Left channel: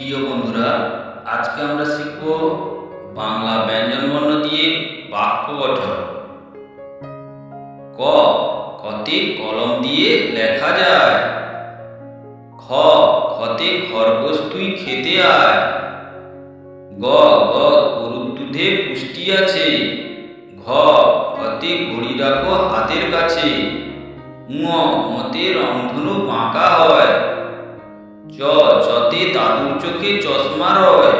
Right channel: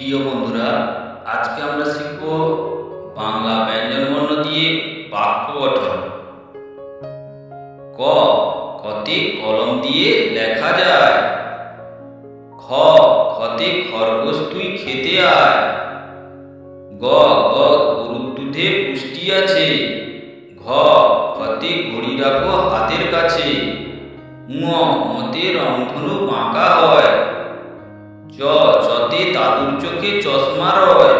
প্রিয় বন্ধুরা, আজকে আমরা শিখব বাংলা ব্যঞ্জনবর্ণ দিয়ে বাক্য গঠন। ক, কতে কলম দিয়ে লেখা যায়। খ, খতে খরগোশ তুই খেতে আয়। গ, গরুর দুধে পুষ্টি আছে। ঘ, ঘতে ঘড়ি রাখো হাতের কাছে। ঙ, মতে রংধনু বাঁকা হয়। চ, চতে দাদুর চোখে চশমা রয়।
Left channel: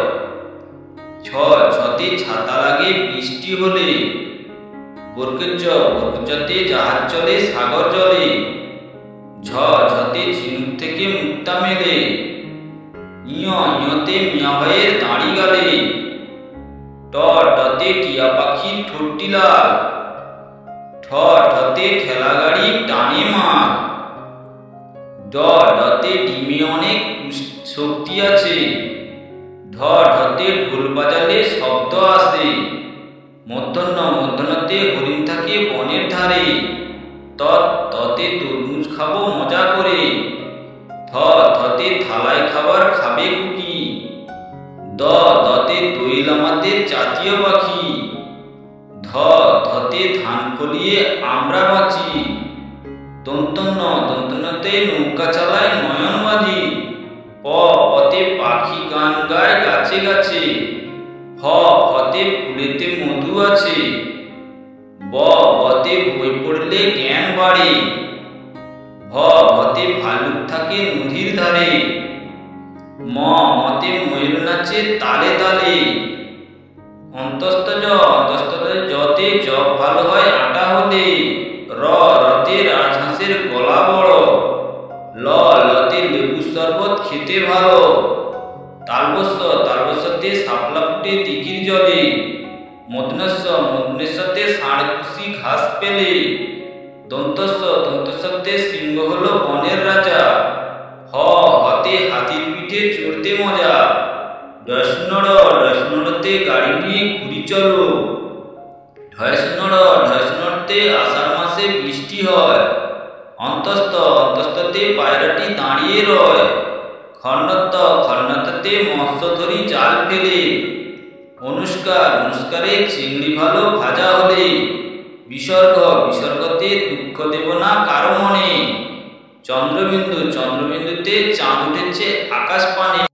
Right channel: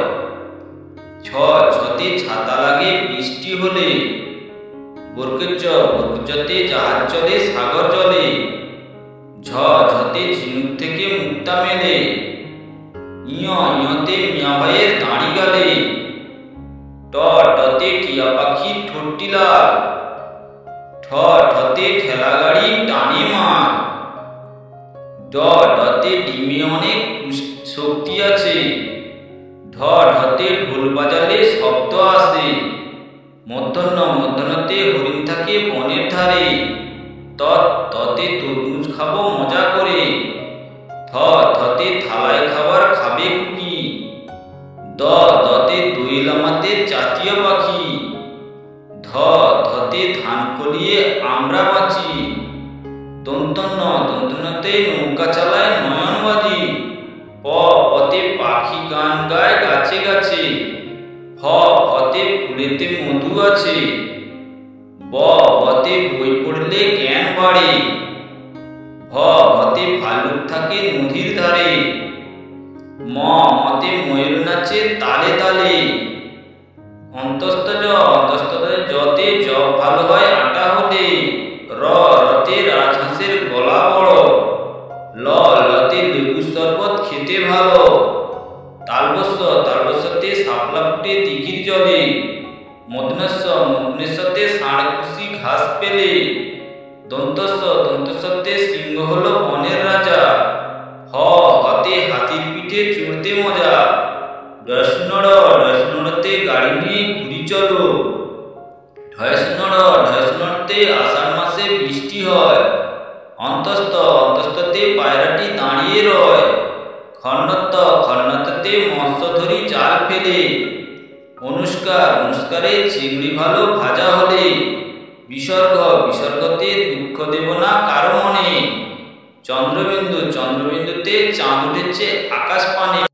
ছ, ছতে ছাতা লাগে বৃষ্টি হলে। বর্গচতে জাহাজ চলে সাগর জলে। ঝ, ঝতে ঝিনুক থেকে মুক্তা মেলে। ইয়তে মিয়া ভাইয়ের দাড়ি গালে। ট, টতে টিয়া পাখির ঠোঁটটি লাল। ঠ, ঠতে ঠেলা গাড়ি টানে মাল। ড, ডতে ডিমে অনেক শক্তি আছে। ঢ, ঢতে ঢোল বাজালে শব্দ আসে। মূর্ধন্যতে হরিণ থাকে বনের ধারে। ত, ততে তরমুজ খাবো মজা করে। থ, থতে থালায় খাবার খাবে খুকি। দ, দতে দোয়েল আমাদের জাতীয় পাখি। ধ, ধতে ধান ফলিয়ে আমরা বাঁচি। দন্তন্যতে নৌকা চালায় নয়নবাজি। প, পতে পাখি গান গায় গাছে গাছে। ফ, ফতে ফুলেতে মধু আছে। ব, বতে বই পড়লে জ্ঞান বাড়ে। ভ, ভতে ভাল্লুক থাকে নদীর ধারে। ম, মতে ময়ূর নাচে তালে তালে। অন্তস্তজ, যতে জব ভালো হয় আটা হলে। র, রতে রাজহাঁসের গলা বড়। ল, লতে লেবুর শরবত খেতে ভালো। তালবস্যতে শাপলা ফুটে দিঘির জলে। মূর্ধন্যতে ষাঁড় খুশি ঘাস পেলে। দন্তস্বতে সিংহ হলো বনের রাজা। হ, হতে হাতির পিঠে চড়তে মজা। ডয়স্নড়তে গাড়ি নিয়ে ঘুরি চলো। ঢয়স্নড়তে আষাঢ় মাসে বৃষ্টি হয়। অন্তস্ততে পায়রাটি দাঁড়িয়ে রয়। খন্নতে মৎস্য ধরি জাল ফেলে। অনুষ্কারে চিংড়ি ভালো ভাজা হলে। বিসর্গতে দুঃখ দেব না কারো মনে। চন্দ্রবিন্দুতে চাঁদ উঠেছে আকাশ পানে।